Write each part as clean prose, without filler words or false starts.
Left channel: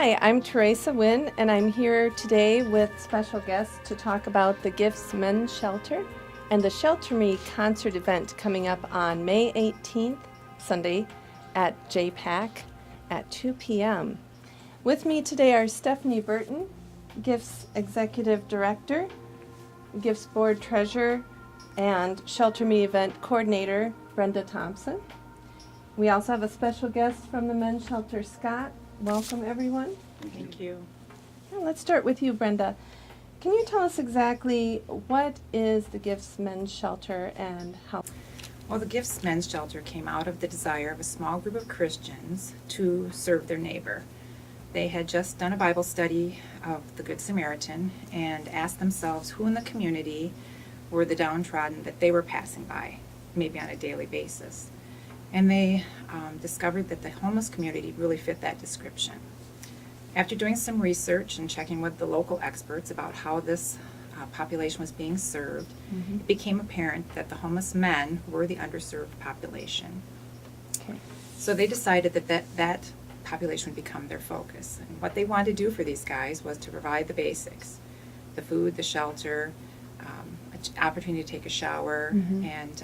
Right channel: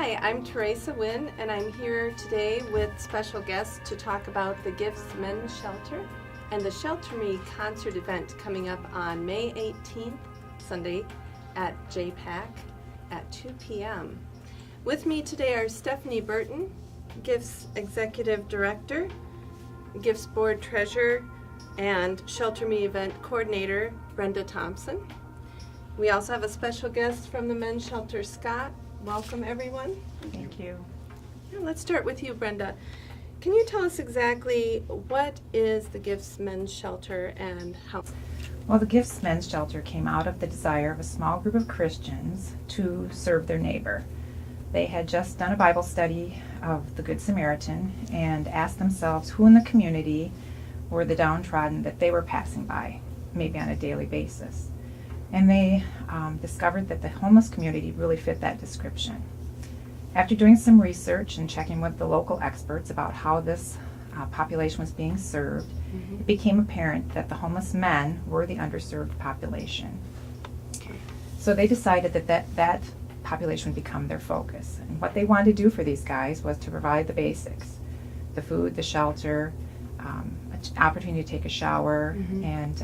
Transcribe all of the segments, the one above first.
Hi, I'm Teresa Nguyen, and I'm here today with special guests to talk about the Gifts Men's Shelter and the Shelter Me concert event coming up on May 18th, Sunday, at JPAC at 2 p.m. With me today are Stephanie Burton, Gifts Executive Director, Gifts Board Treasurer, and Shelter Me Event Coordinator, Brenda Thompson. We also have a special guest from the Men's Shelter, Scott. Welcome, everyone. Thank you. Yeah, let's start with you, Brenda. Can you tell us exactly what is the Gifts Men's Shelter and how? Well, the Gifts Men's Shelter came out of the desire of a small group of Christians to serve their neighbor. They had just done a Bible study of the Good Samaritan and asked themselves who in the community were the downtrodden that they were passing by, maybe on a daily basis. And they discovered that the homeless community really fit that description. After doing some research and checking with the local experts about how this population was being served, it became apparent that the homeless men were the underserved population. Okay. So they decided that population would become their focus. And what they wanted to do for these guys was to provide the basics, the food, the shelter, an opportunity to take a shower, and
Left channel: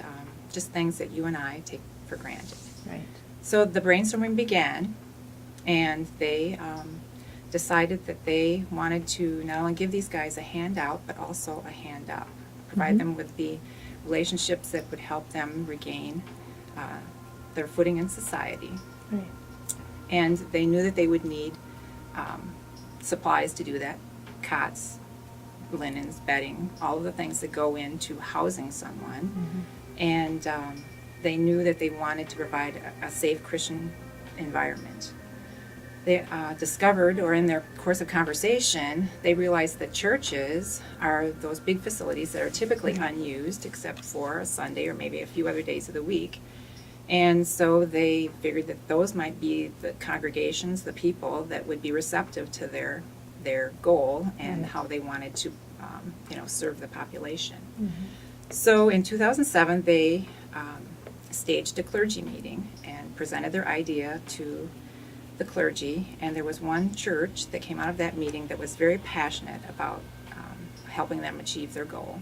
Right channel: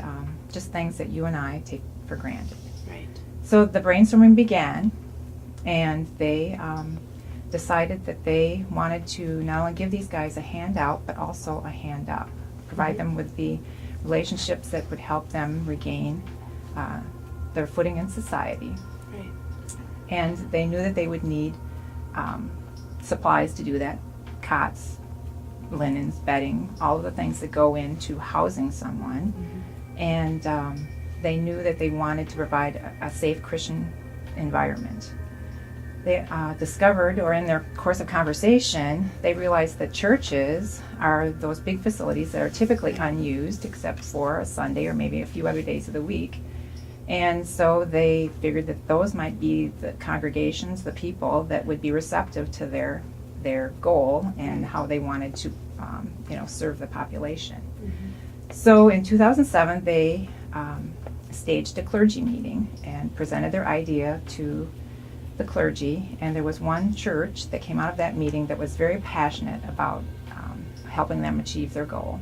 just things that you and I take for granted. Right. So the brainstorming began, and they decided that they wanted to not only give these guys a hand out, but also a hand up, provide them with the relationships that would help them regain their footing in society. Right. And they knew that they would need supplies to do that, cots, linens, bedding, all of the things that go into housing someone. And they knew that they wanted to provide a safe Christian environment. They discovered, or in their course of conversation, they realized that churches are those big facilities that are typically unused except for a Sunday or maybe a few other days of the week. And so they figured that those might be the congregations, the people that would be receptive to their goal and how they wanted to serve the population. So in 2007, they staged a clergy meeting and presented their idea to the clergy, and there was one church that came out of that meeting that was very passionate about helping them achieve their goal.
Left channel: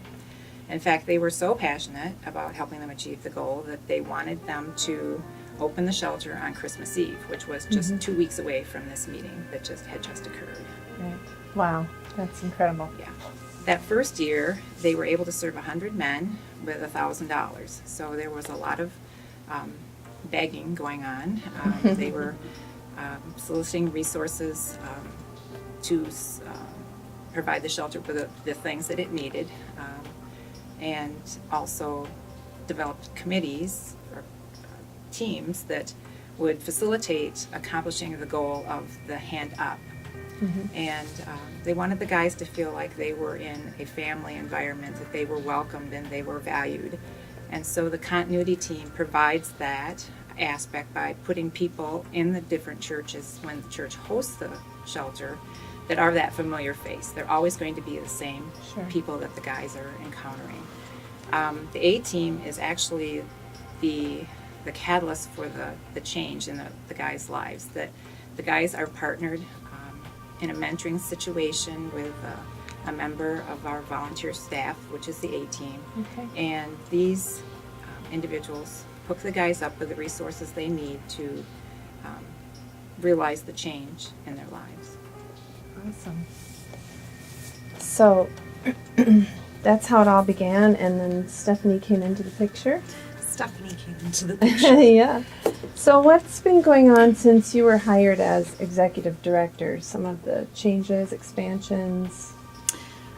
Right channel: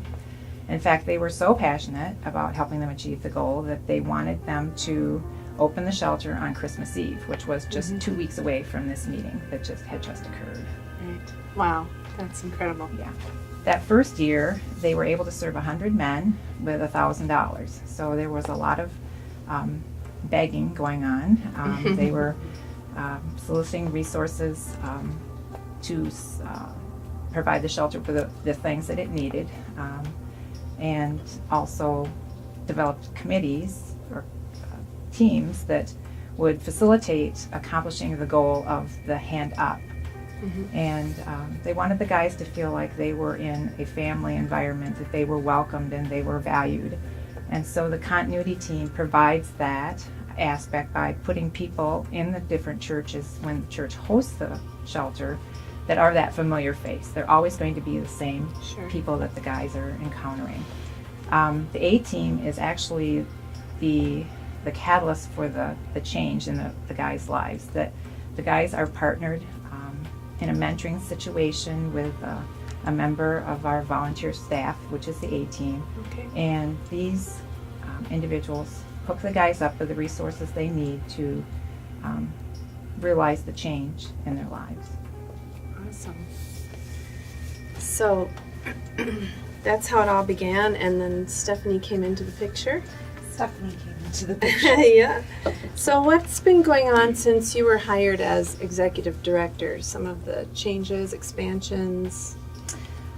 In fact, they were so passionate about helping them achieve the goal that they wanted them to open the shelter on Christmas Eve, which was just 2 weeks away from this meeting that had just occurred. Right. Wow, that's incredible. Yeah. That first year, they were able to serve 100 men with $1,000. So there was a lot of begging going on. They were soliciting resources to provide the shelter for the things that it needed, and also developed committees or teams that would facilitate accomplishing the goal of the hand up. And they wanted the guys to feel like they were in a family environment, that they were welcomed and they were valued. And so the continuity team provides that aspect by putting people in the different churches when the church hosts the shelter that are that familiar face. They're always going to be the same people that the guys are encountering. The A team is actually the catalyst for the change in the guys' lives. That the guys are partnered in a mentoring situation with a member of our volunteer staff, which is the A team. Okay. And these individuals hook the guys up with the resources they need to realize the change in their lives. Awesome. So that's how it all began, and then Stephanie came into the picture. Stephanie came into the picture. Yeah. So what's been going on since you were hired as executive director? Some of the changes, expansions?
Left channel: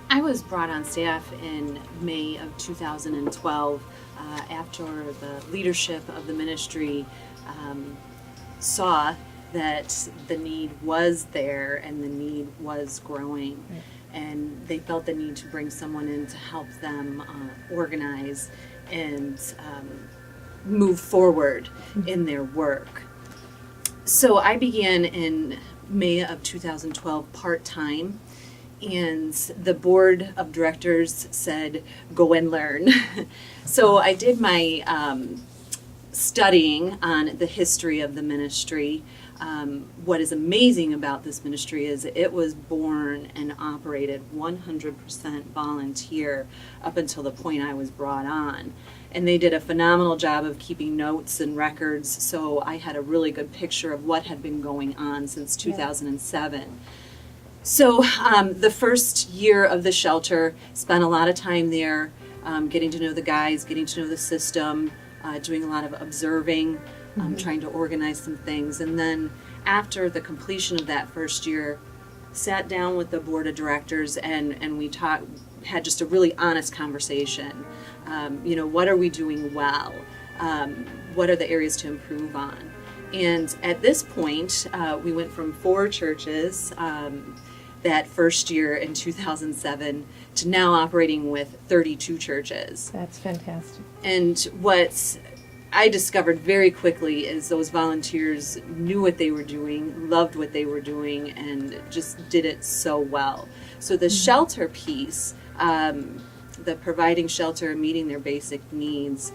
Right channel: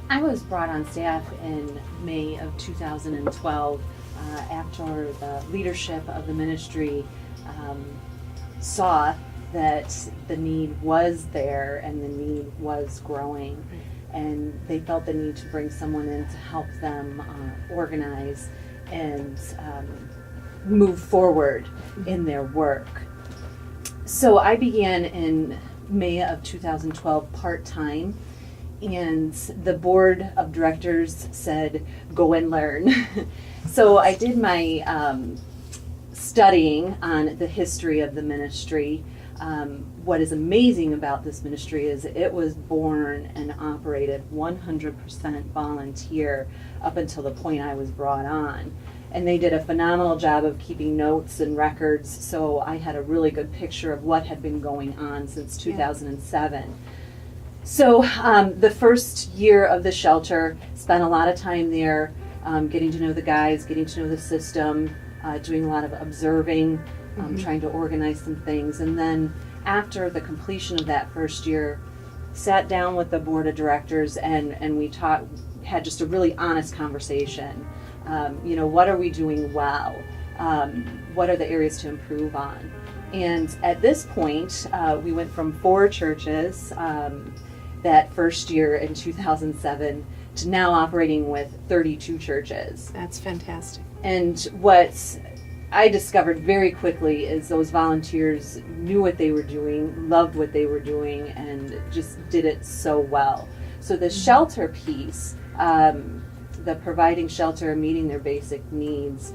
I was brought on staff in May of 2012 after the leadership of the ministry saw that the need was there and the need was growing. Right. And they felt the need to bring someone in to help them organize and move forward in their work. So I began in May of 2012 part-time, and the board of directors said, go and learn. So I did my studying on the history of the ministry, What is amazing about this ministry is it was born and operated 100% volunteer up until the point I was brought on. And they did a phenomenal job of keeping notes and records, so I had a really good picture of what had been going on since 2007. So the first year of the shelter, spent a lot of time there, getting to know the guys, getting to know the system, doing a lot of observing, trying to organize some things. And then after the completion of that first year, sat down with the board of directors and we had just a really honest conversation. What are we doing well? What are the areas to improve on? And at this point, we went from 4 churches that first year in 2007 to now operating with 32 churches. That's fantastic. And what I discovered very quickly is those volunteers knew what they were doing, loved what they were doing, and just did it so well. So the shelter piece, the providing shelter and meeting their basic needs,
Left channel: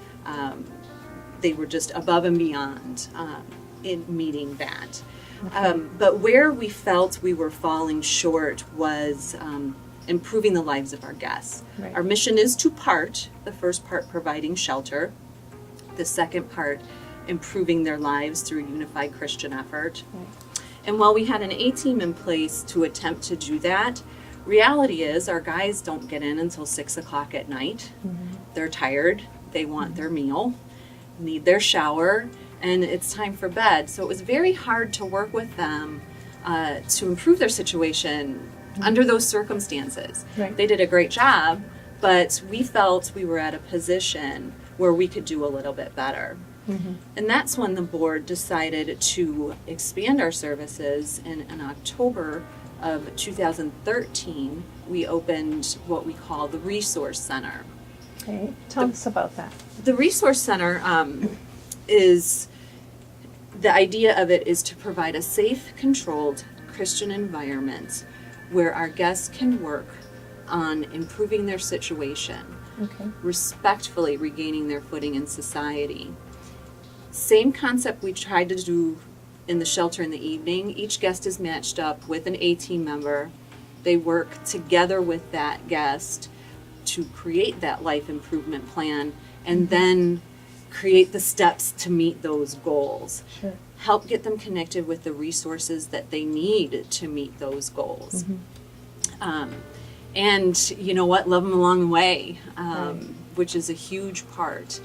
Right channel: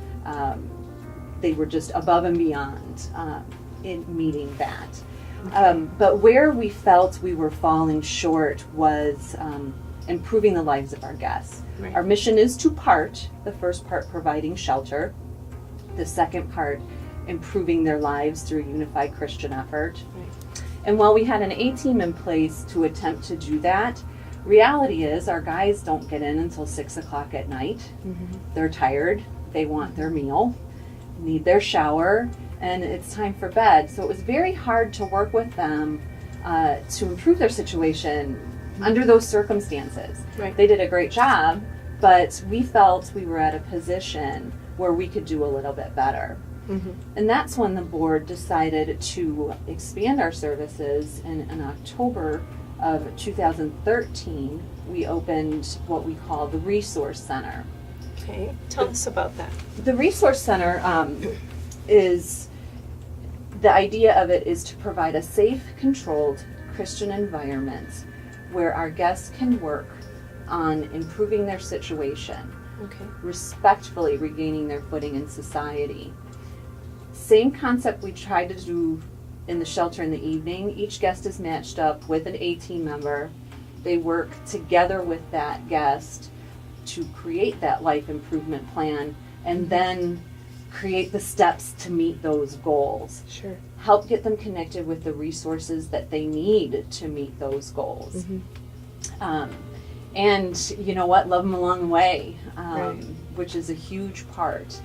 they were just above and beyond in meeting that. But where we felt we were falling short was improving the lives of our guests. Right. Our mission is 2-part. The first part, providing shelter. The second part, improving their lives through a unified Christian effort. Right. And while we had an A-team in place to attempt to do that, reality is our guys don't get in until 6 o'clock at night. They're tired. They want their meal, need their shower, and it's time for bed. So it was very hard to work with them to improve their situation under those circumstances. Right. They did a great job, but we felt we were at a position where we could do a little bit better. And that's when the board decided to expand our services. And in October of 2013, we opened what we call the Resource Center. Okay, tell us about that. The Resource Center is, the idea of it is to provide a safe, controlled Christian environment where our guests can work on improving their situation, Okay. respectfully regaining their footing in society. Same concept we tried to do in the shelter in the evening. Each guest is matched up with an A-team member. They work together with that guest to create that life improvement plan and then create the steps to meet those goals. Sure. Help get them connected with the resources that they need to meet those goals. And you know what, love them along the way, Right. which is a huge part.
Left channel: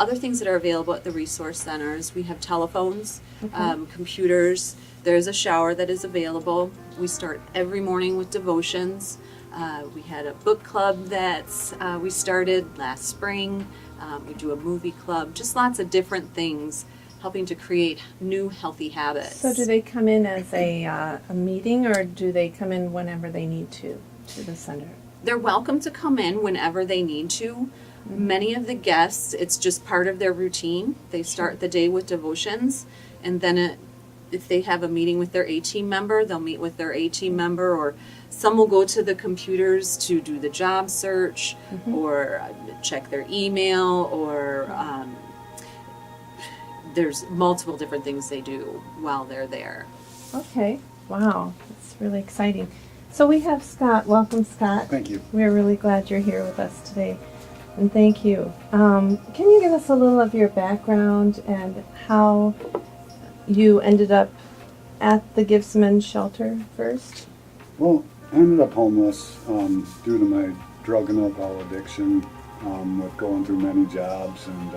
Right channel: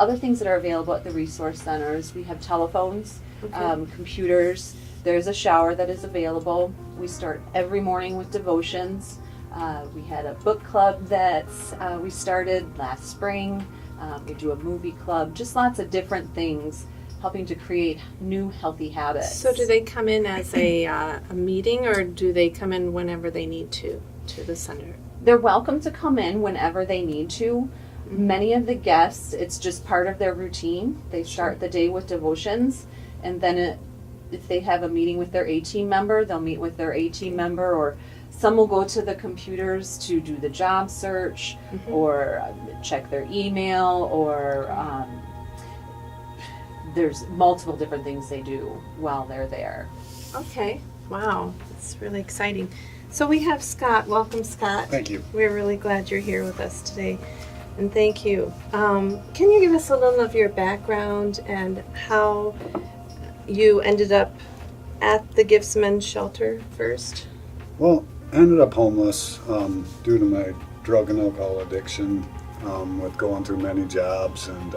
Other things that are available at the Resource Centers, we have telephones, computers, there's a shower that is available. We start every morning with devotions. We had a book club that we started last spring. We do a movie club, just lots of different things helping to create new healthy habits. So do they come in as a meeting, or do they come in whenever they need to the center? They're welcome to come in whenever they need to. Many of the guests, it's just part of their routine. They start the day with devotions, and then if they have a meeting with their A-team member, they'll meet with their A-team member, or some will go to the computers to do the job search or check their email, or there's multiple different things they do while they're there. Okay. Wow. It's really exciting. So we have Scott. Welcome, Scott. Thank you. We're really glad you're here with us today. And thank you. Can you give us a little of your background and how you ended up at the Gifts Men's Shelter first? Well, I ended up homeless due to my drug and alcohol addiction, with going through many jobs and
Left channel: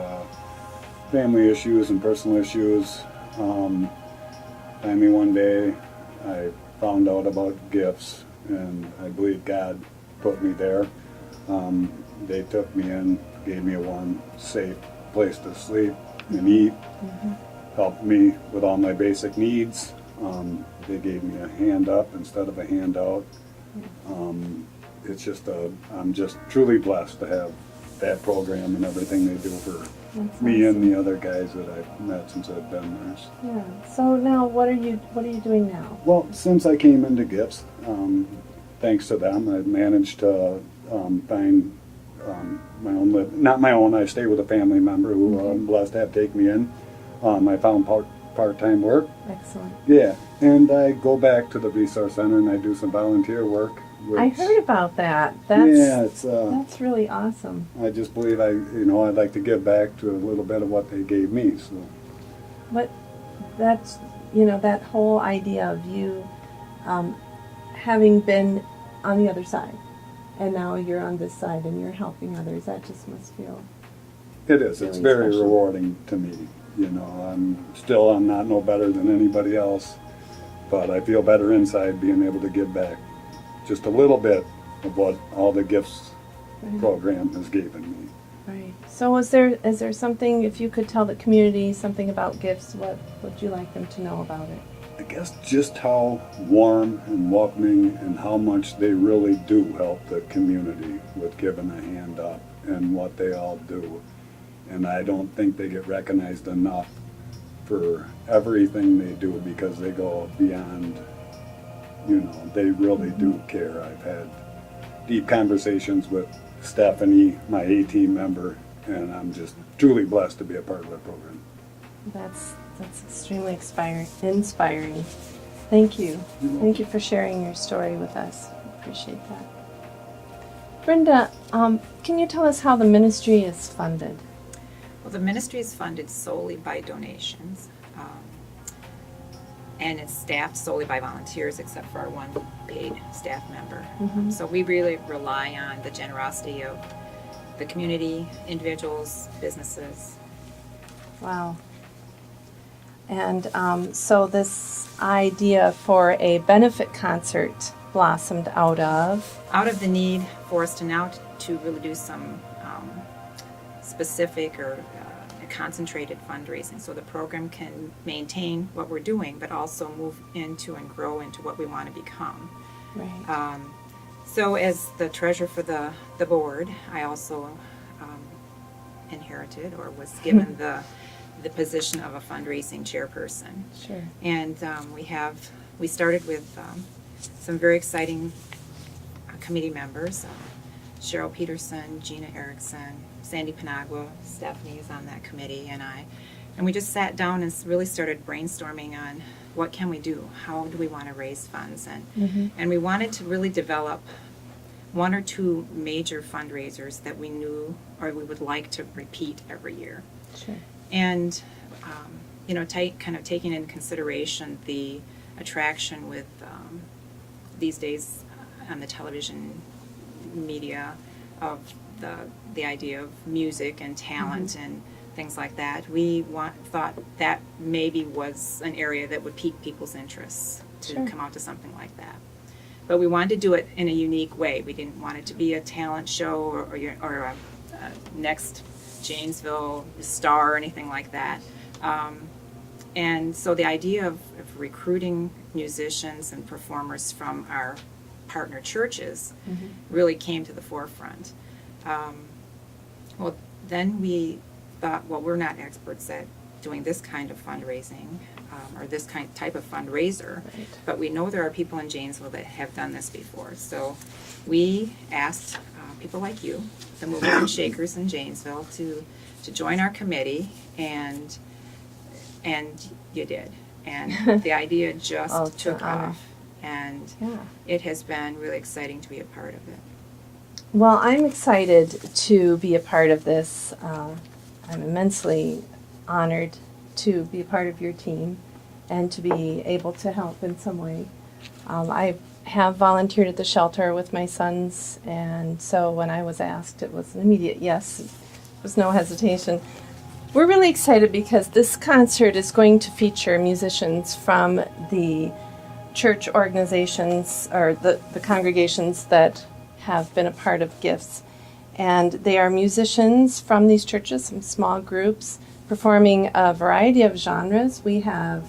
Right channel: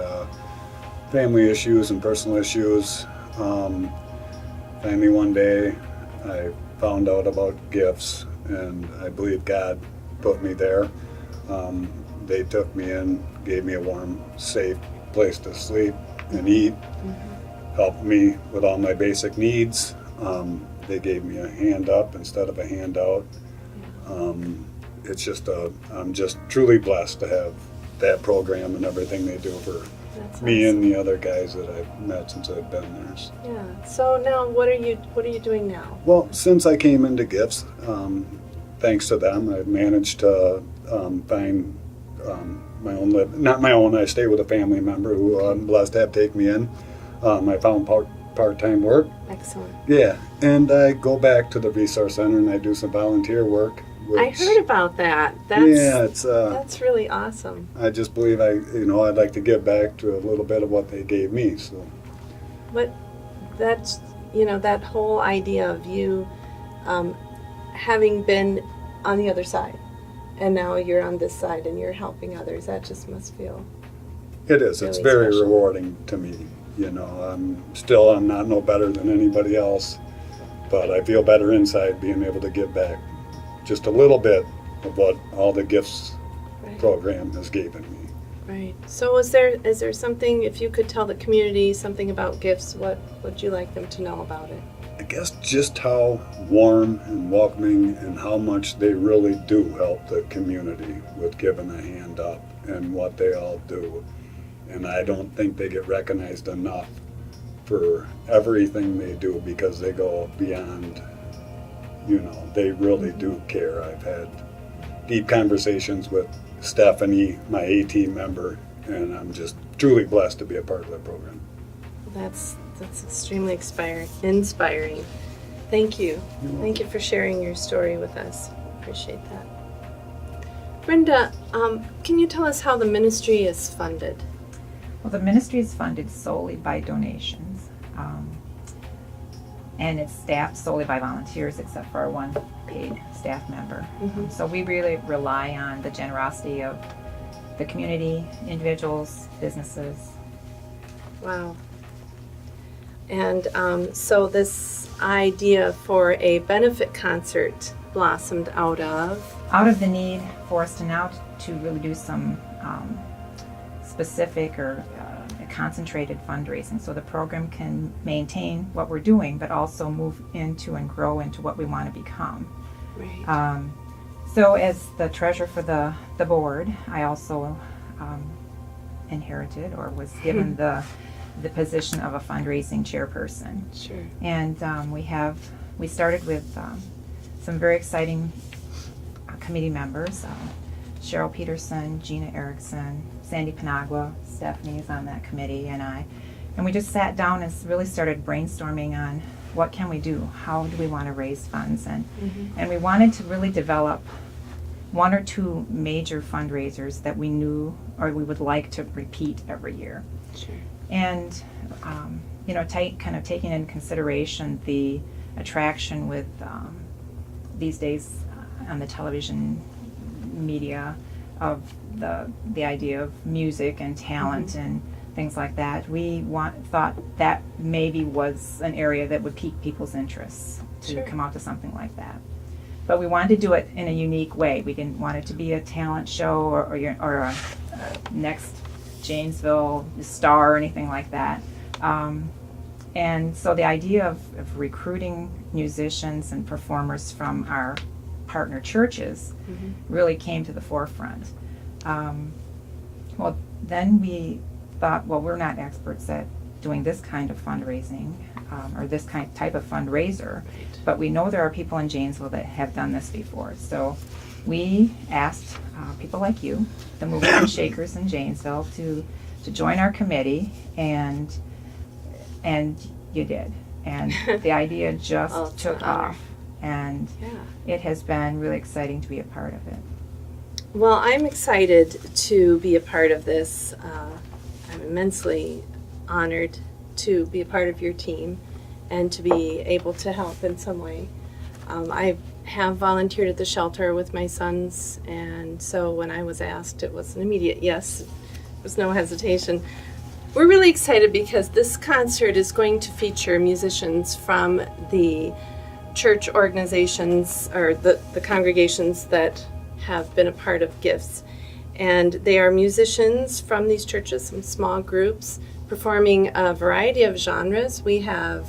family issues and personal issues. Finally one day I found out about gifts, and I believe God put me there. They took me in, gave me a warm, safe place to sleep and eat, helped me with all my basic needs. They gave me a hand up instead of a handout. It's just I'm just truly blessed to have that program and everything they do for That's me awesome. and the other guys that I've met since I've been there. Yeah. So now, what are you doing now? Well, since I came into Gifts, thanks to them, I've managed to find my own not my own. I stay with a family member who I'm blessed to have take me in. I found part-time work. Excellent. Yeah, and I go back to the Resource Center and I do some volunteer work. I which- heard about that. Yeah, it's That's really awesome. I just believe I'd like to give back to a little bit of what they gave me. So That's, that whole idea of you having been on the other side, and now you're on this side and you're helping others, that just must feel... it is. It's Really very special. rewarding to me. I'm not no better than anybody else, but I feel better inside being able to give back just a little bit of what all the gifts Right. program has given me. Right. So is there something, if you could tell the community something about gifts, what would you like them to know about it? I guess just how warm and welcoming and how much they really do help the community with giving a hand up and what they all do. And I don't think they get recognized enough for everything they do because they go beyond, they really do care. I've had deep conversations with Stephanie, my A-team member, and I'm just truly blessed to be a part of that program. That's extremely inspiring. Thank you. Thank you for sharing your story with us. Appreciate that. Brenda, can you tell us how the ministry is funded? Well, the ministry is funded solely by donations, and it's staffed solely by volunteers except for our one paid staff member. Mhm. So we really rely on the generosity of the community, individuals, businesses. Wow. And so this idea for a benefit concert blossomed out of the need for us to now to really do some specific or concentrated fundraising so the program can maintain what we're doing but also move into and grow into what we want to become. right. So as the treasurer for the board, I also inherited or was given the position of a fundraising chairperson. Sure. And we started with some very exciting committee members, Cheryl Peterson, Gina Erickson, Sandy Panagua, Stephanie is on that committee, and we just sat down and really started brainstorming on what can we do, how do we want to raise funds, and we wanted to really develop one or two major fundraisers that we knew or we would like to repeat every year. Sure. And kind of taking into consideration the attraction with these days on the television media of the idea of music and talent and things like that, we thought that maybe was an area that would pique people's interests to Sure. come out to something like that. But we wanted to do it in a unique way. We didn't want it to be a talent show or a next Janesville star or anything like that. And so the idea of recruiting musicians and performers from our partner churches really came to the forefront. Well, then we thought, well, we're not experts at doing this kind of fundraising or this type of fundraiser, Right. but we know there are people in Janesville that have done this before. So we asked people like you, the movers and shakers in Janesville, to join our committee, and you did. And the idea just Oh, it's took an honor. off, and Yeah. it has been really exciting to be a part of it. Well, I'm excited to be a part of this. I'm immensely honored to be a part of your team and to be able to help in some way. I have volunteered at the shelter with my sons, and so when I was asked, it was an immediate yes. There was no hesitation. We're really excited because this concert is going to feature musicians from the church organizations or the congregations that have been a part of Gifts. And they are musicians from these churches, some small groups, performing a variety of genres. We have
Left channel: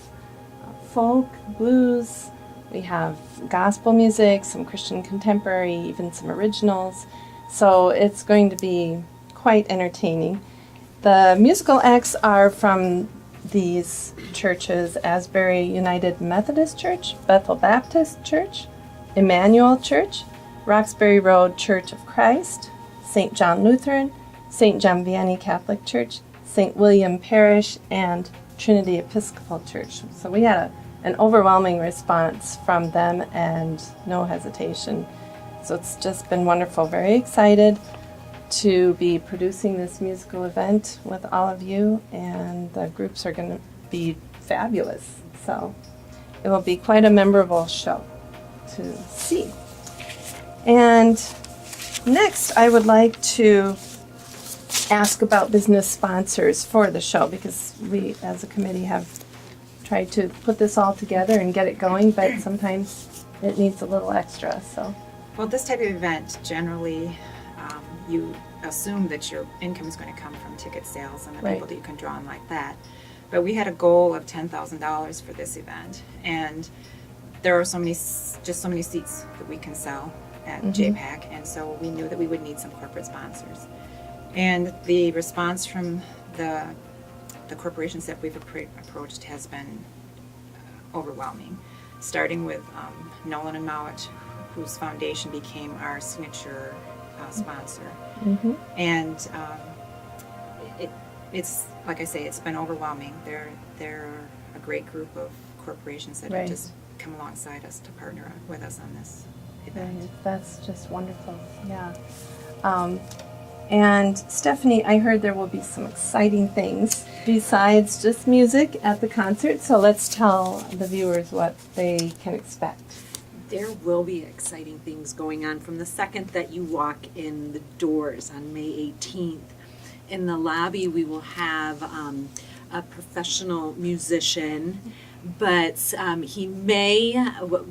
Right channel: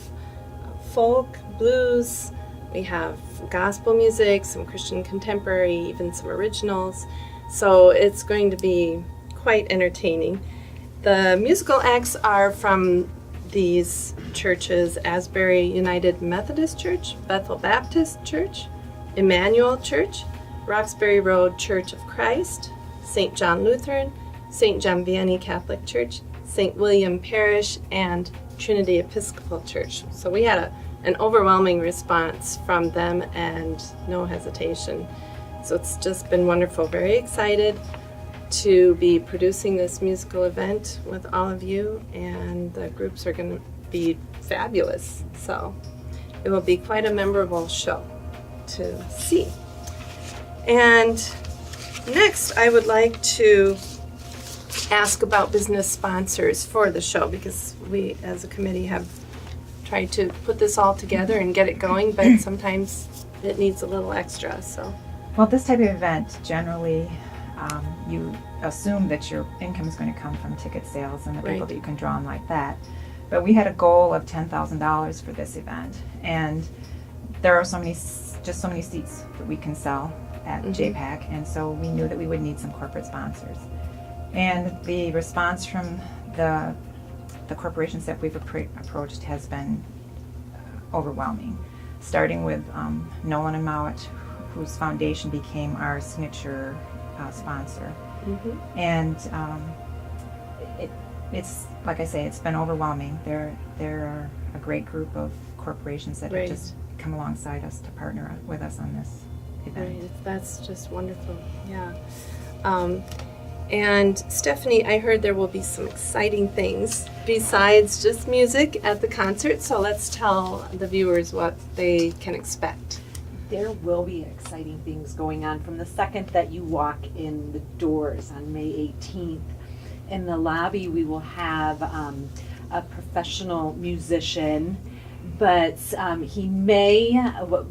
folk, blues, we have gospel music, some Christian contemporary, even some originals. So it's going to be quite entertaining. The musical acts are from these churches: Asbury United Methodist Church, Bethel Baptist Church, Emmanuel Church, Roxbury Road Church of Christ, St. John Lutheran, St. John Vianney Catholic Church, St. William Parish, and Trinity Episcopal Church. So we had an overwhelming response from them and no hesitation. So it's just been wonderful. Very excited to be producing this musical event with all of you, and the groups are going to be fabulous. So it will be quite a memorable show to see. And next, I would like to ask about business sponsors for the show, because we as a committee have tried to put this all together and get it going, but sometimes it needs a little extra. So, Well, this type of event, generally, you assume that your income is going to come from ticket sales and the Right. people that you can draw on like that. But we had a goal of $10,000 for this event, and there are so many seats that we can sell at JPAC, and so we knew that we would need some corporate sponsors. And the response from the corporations that we've approached has been overwhelming, starting with Nolan and Mowat, whose foundation became our signature sponsor. And it's like I say, it's been overwhelming. They're a great group of corporations that Right. have just come alongside us to partner with us on this event. right, that's just wonderful. Yeah. And Stephanie, I heard there will be some exciting things besides just music at the concert. So let's tell the viewers what they can expect. There will be exciting things going on from the second that you walk in the doors on May 18th. In the lobby, we will have a professional musician, but he may,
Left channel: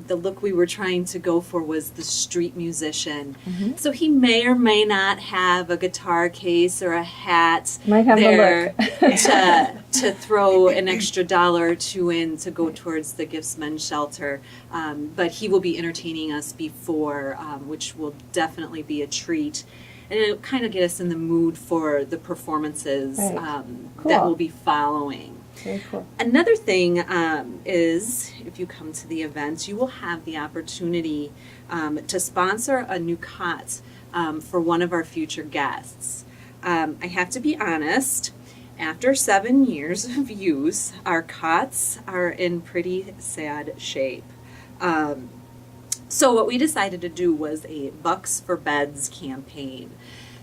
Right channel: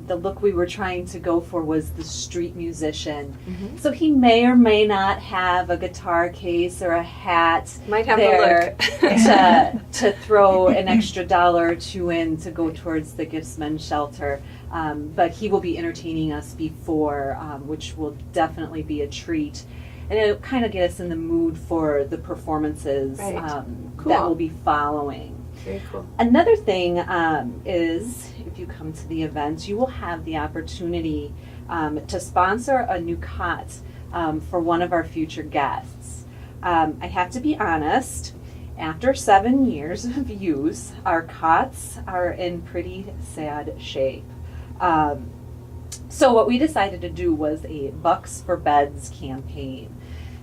the look we were trying to go for was the street musician. So he may or may not have a guitar case or a hat Might have there the look. to throw an extra $1 or $2 in to go towards the Gifts Men's Shelter. But he will be entertaining us before, which will definitely be a treat. And it'll kind of get us in the mood for the performances Right. Cool. that will be following. Very cool. Another thing is, if you come to the event, you will have the opportunity to sponsor a new cot for one of our future guests. I have to be honest, after 7 years of use, our cots are in pretty sad shape. So what we decided to do was a Bucks for Beds campaign.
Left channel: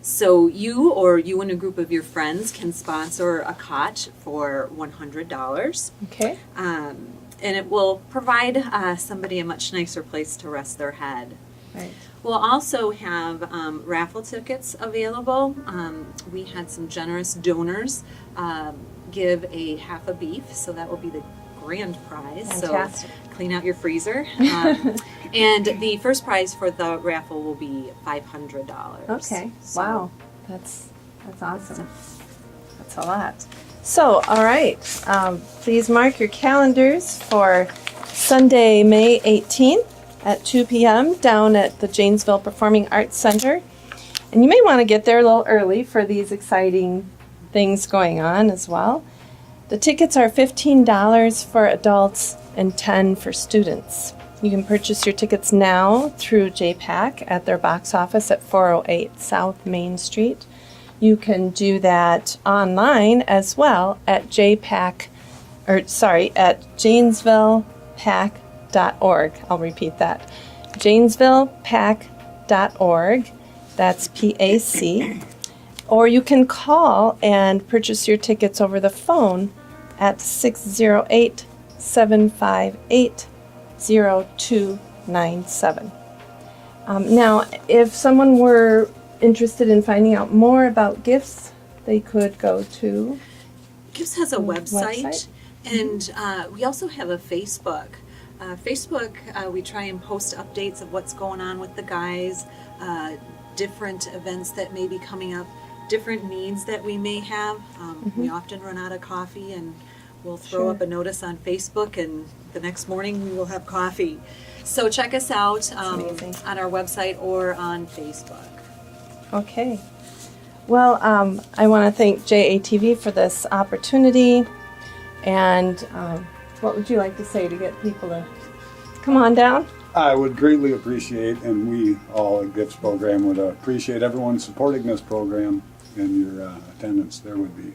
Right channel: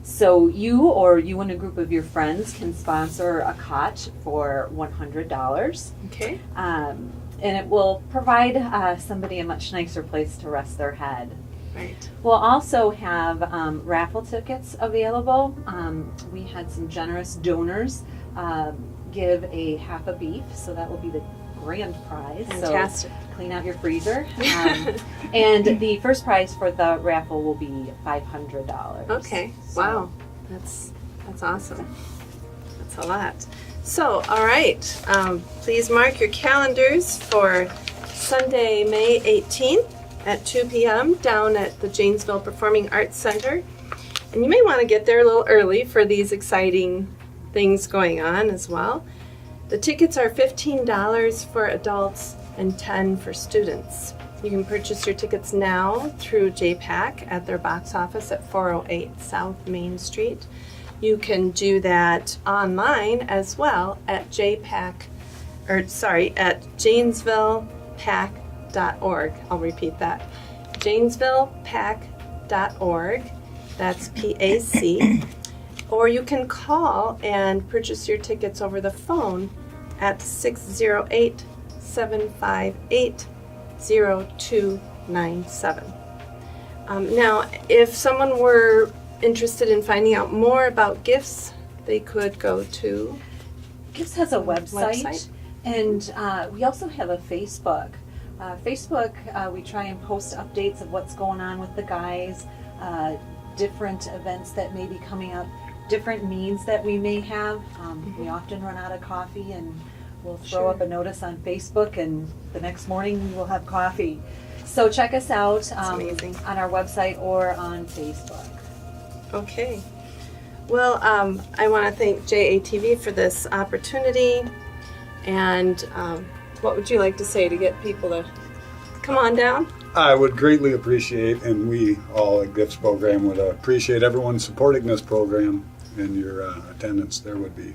So you or you and a group of your friends can sponsor a cot for $100. Okay. And it will provide somebody a much nicer place to rest their head. Right. We'll also have raffle tickets available. We had some generous donors give a half a beef, so that will be the grand prize. Fantastic. So clean out your freezer. And the first prize for the raffle will be $500. Okay. So- Wow. That's awesome. That's a lot. So, all right. Please mark your calendars for Sunday, May 18th at 2 p.m. down at the Janesville Performing Arts Center. And you may want to get there a little early for these exciting things going on as well. The tickets are $15 for adults and $10 for students. You can purchase your tickets now through JPAC at their box office at 408 South Main Street. You can do that online as well at at JanesvillePAC.org. I'll repeat that. JanesvillePAC.org. That's PAC. Or you can call and purchase your tickets over the phone at 608-758-0297. Now, if someone were interested in finding out more about Gifts, they could go to Gifts has a website, and we also have a Facebook. Facebook, we try and post updates of what's going on with the guys, different events that may be coming up, different needs that we may have. We often run out of coffee, and we'll throw up a notice on Facebook, and the next morning we will have coffee. So check us out amazing. on our website or on Facebook. Okay. Well, I want to thank JATV for this opportunity. And what would you like to say to get people to come on down? I would greatly appreciate, and we all at Gifts Program would appreciate everyone supporting this program, and your attendance there would be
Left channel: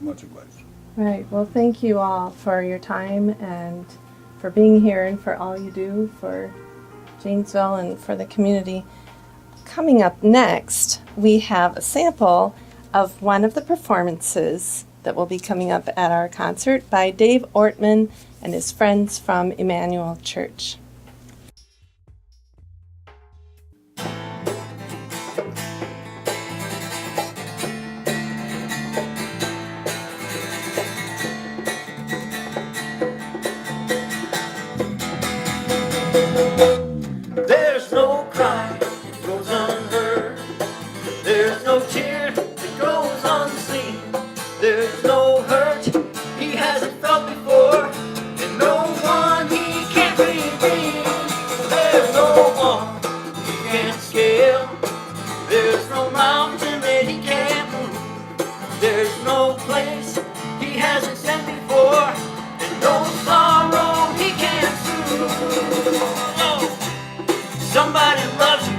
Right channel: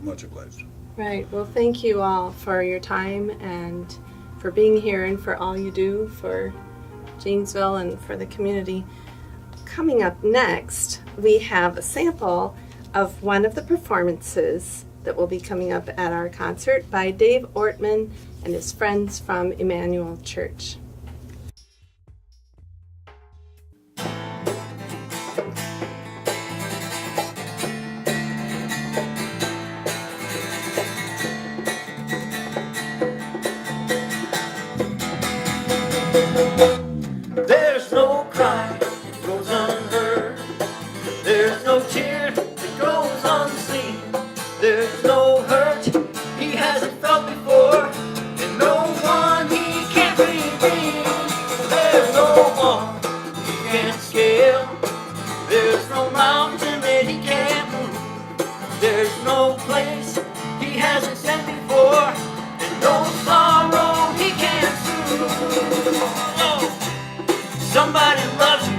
much obliged. Right. Well, thank you all for your time and for being here and for all you do for Janesville and for the community. Coming up next, we have a sample of one of the performances that will be coming up at our concert by Dave Ortman and his friends from Emmanuel Church. There's no cry that goes unheard. There's no tear that goes unseen. There's no hurt he hasn't felt before, and no one he can't redeem. There's no wall he can't scale. There's no mountain that he can't move. There's no place he hasn't sent before, and no sorrow he can't soothe. Oh. Somebody loves you,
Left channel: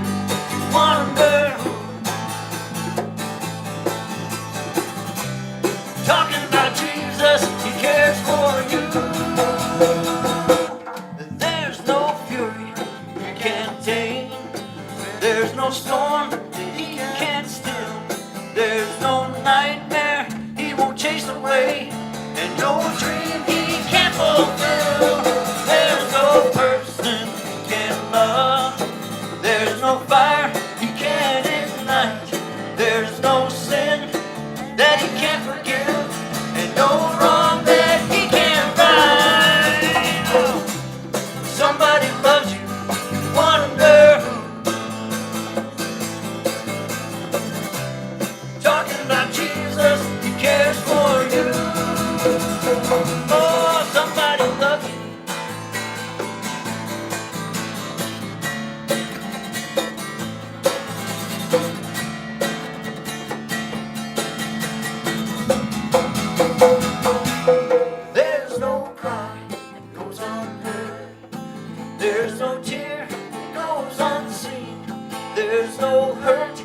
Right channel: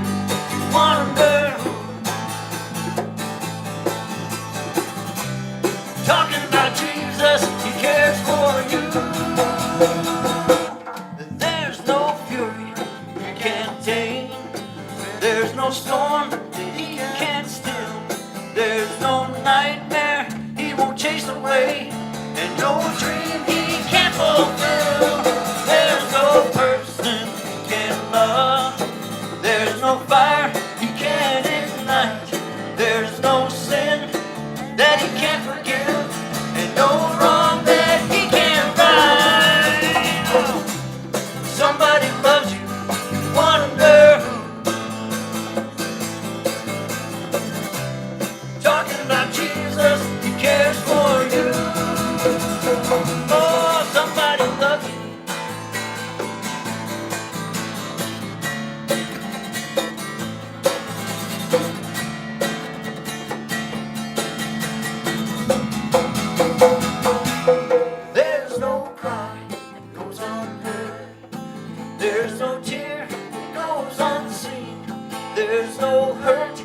you wonder who. Talking about Jesus, he cares for you. There's no fury he can't tame. There's no storm that he can't still. There's no nightmare he won't chase away, and no dream he can't fulfill. There's no person he can't love. There's no fire he can't ignite. There's no sin that he can't forgive, and no wrong that he can't right. Oh, somebody loves you, you wonder who. Talking about Jesus, he cares for you. Oh, somebody loves you. There's no cry that goes unheard. There's no tear that goes unseen. There's no hurt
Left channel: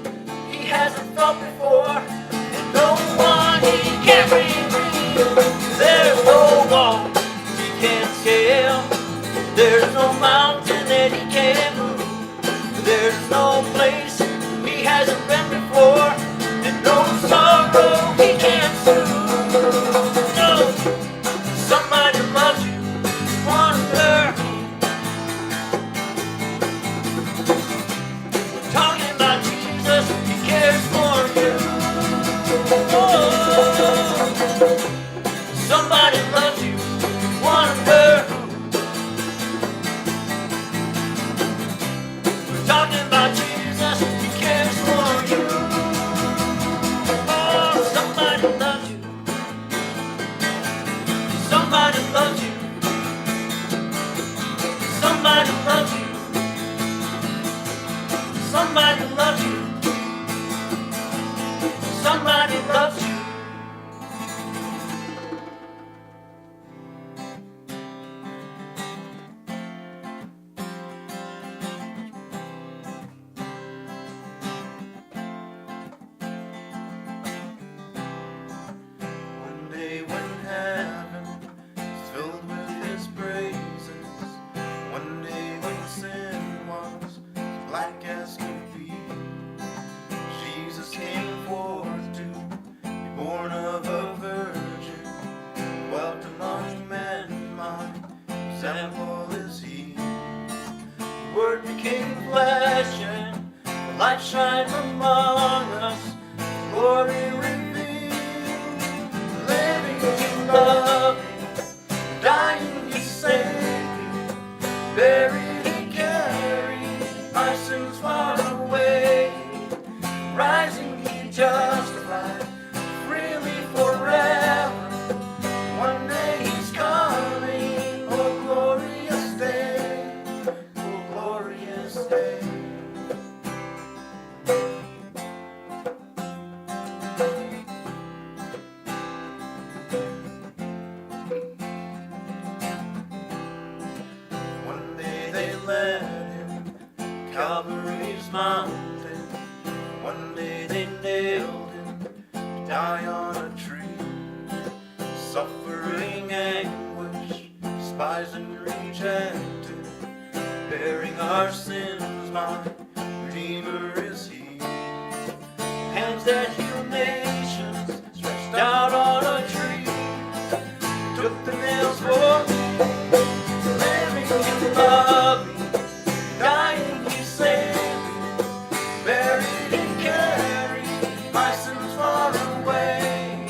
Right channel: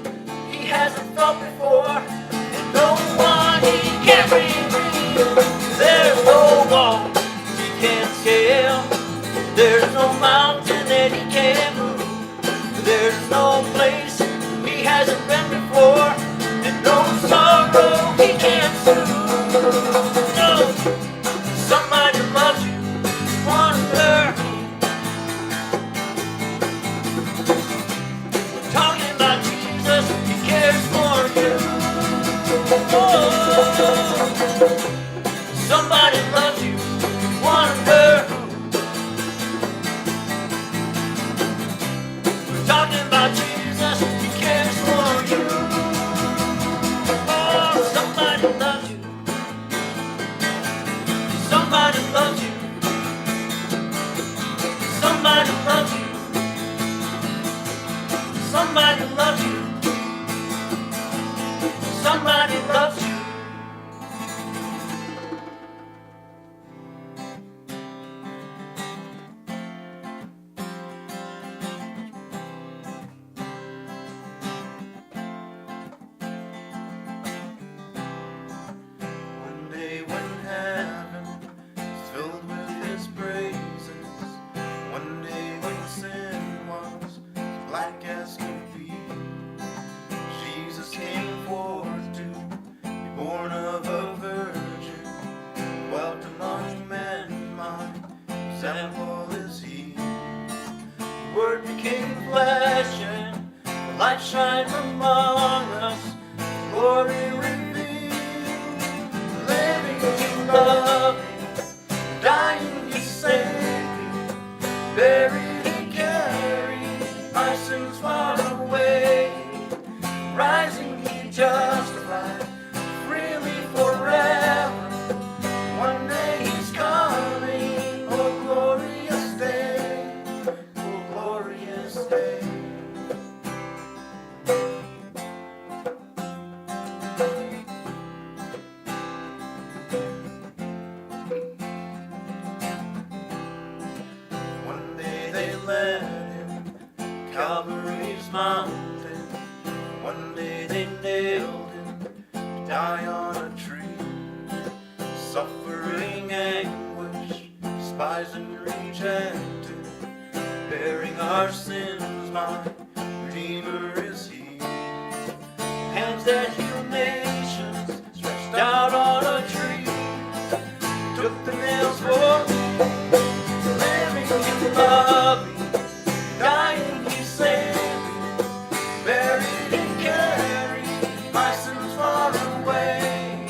he hasn't felt before, and no one he can't redeem. There's no wall he can't scale. There's no mountain that he can't move. There's no place he hasn't been before, and no sorrow he can't soothe. No, somebody loves you, wonder who. We're talking about Jesus, he cares for you. Oh, somebody loves you, wonder who. We're talking about Jesus, he cares for you. Oh, somebody loves you. Somebody loves you. Somebody loves you. Somebody loves you. Somebody loves you. One day when heaven is filled with his praises, one day when sin was as black as could be, Jesus came forth to be born of a virgin, dwelt among men, my example is he. The Word became flesh and the light shined among us, glory revealed, living and loving, dying he saved me, buried he carried my sins far away, rising he justified freely forever. One day he's coming, oh glorious day, oh glorious day. One day they led him to Calvary's mountain. One day they nailed him to die on a tree. suffering anguish, despising rejected, bearing our sins, my Redeemer is He. Hands that heal nations, stretched out on a tree, took the nails for me, living He loved me, dying He saved me, buried He carried my sins far away,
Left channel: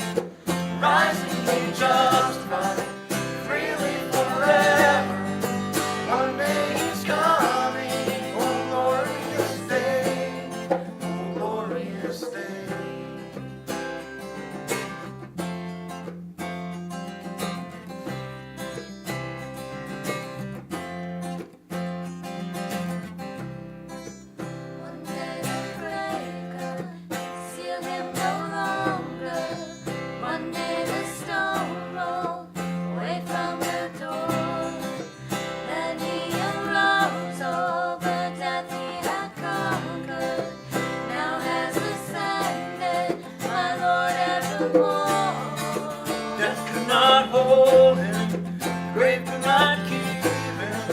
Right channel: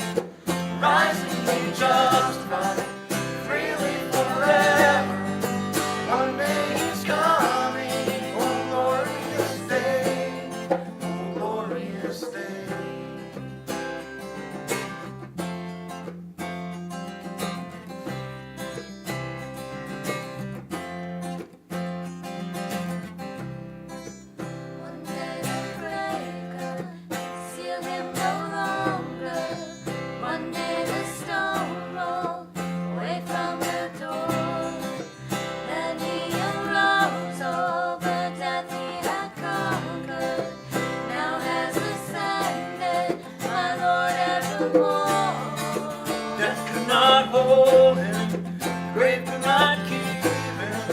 rising He justified, freely forever. One day He's coming, oh glorious day, oh glorious day. One day the breaker seal him no longer. One day the stone rolled away from the door. Then He arose over death He had conquered. Now has ascended, my Lord evermore. Death could not hold Him, the grave could not keep Him,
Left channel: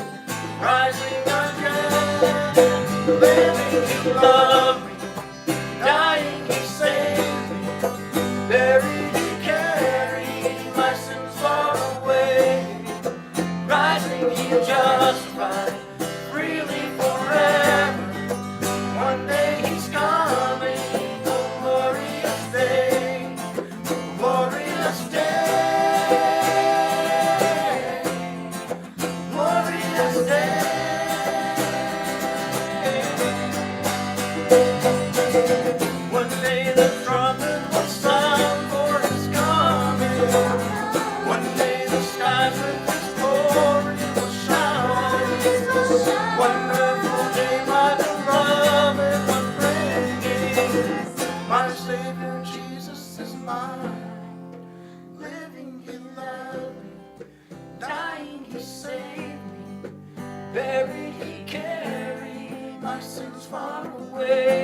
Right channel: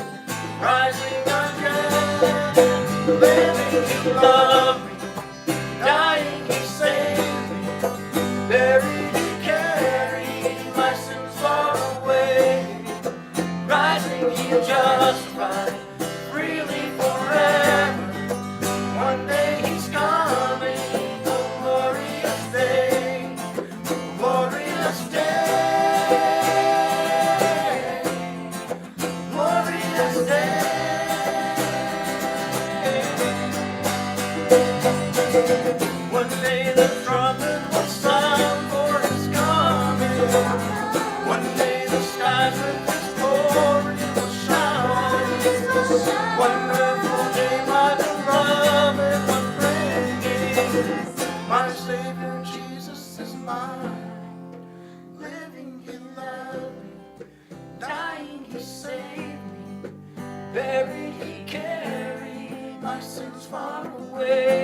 rising again, living He loved me, dying He saved me, buried He carried my sins far away, rising He justified, freely forever. One day He's coming, oh glorious day, oh glorious day, glorious day. One day the trumpet will sound for His coming. One day the skies with His glory will shine. Wonderful day, my beloved one bringing. My Savior Jesus is mine. Living He loved me, dying He saved me, buried He carried my sins far away.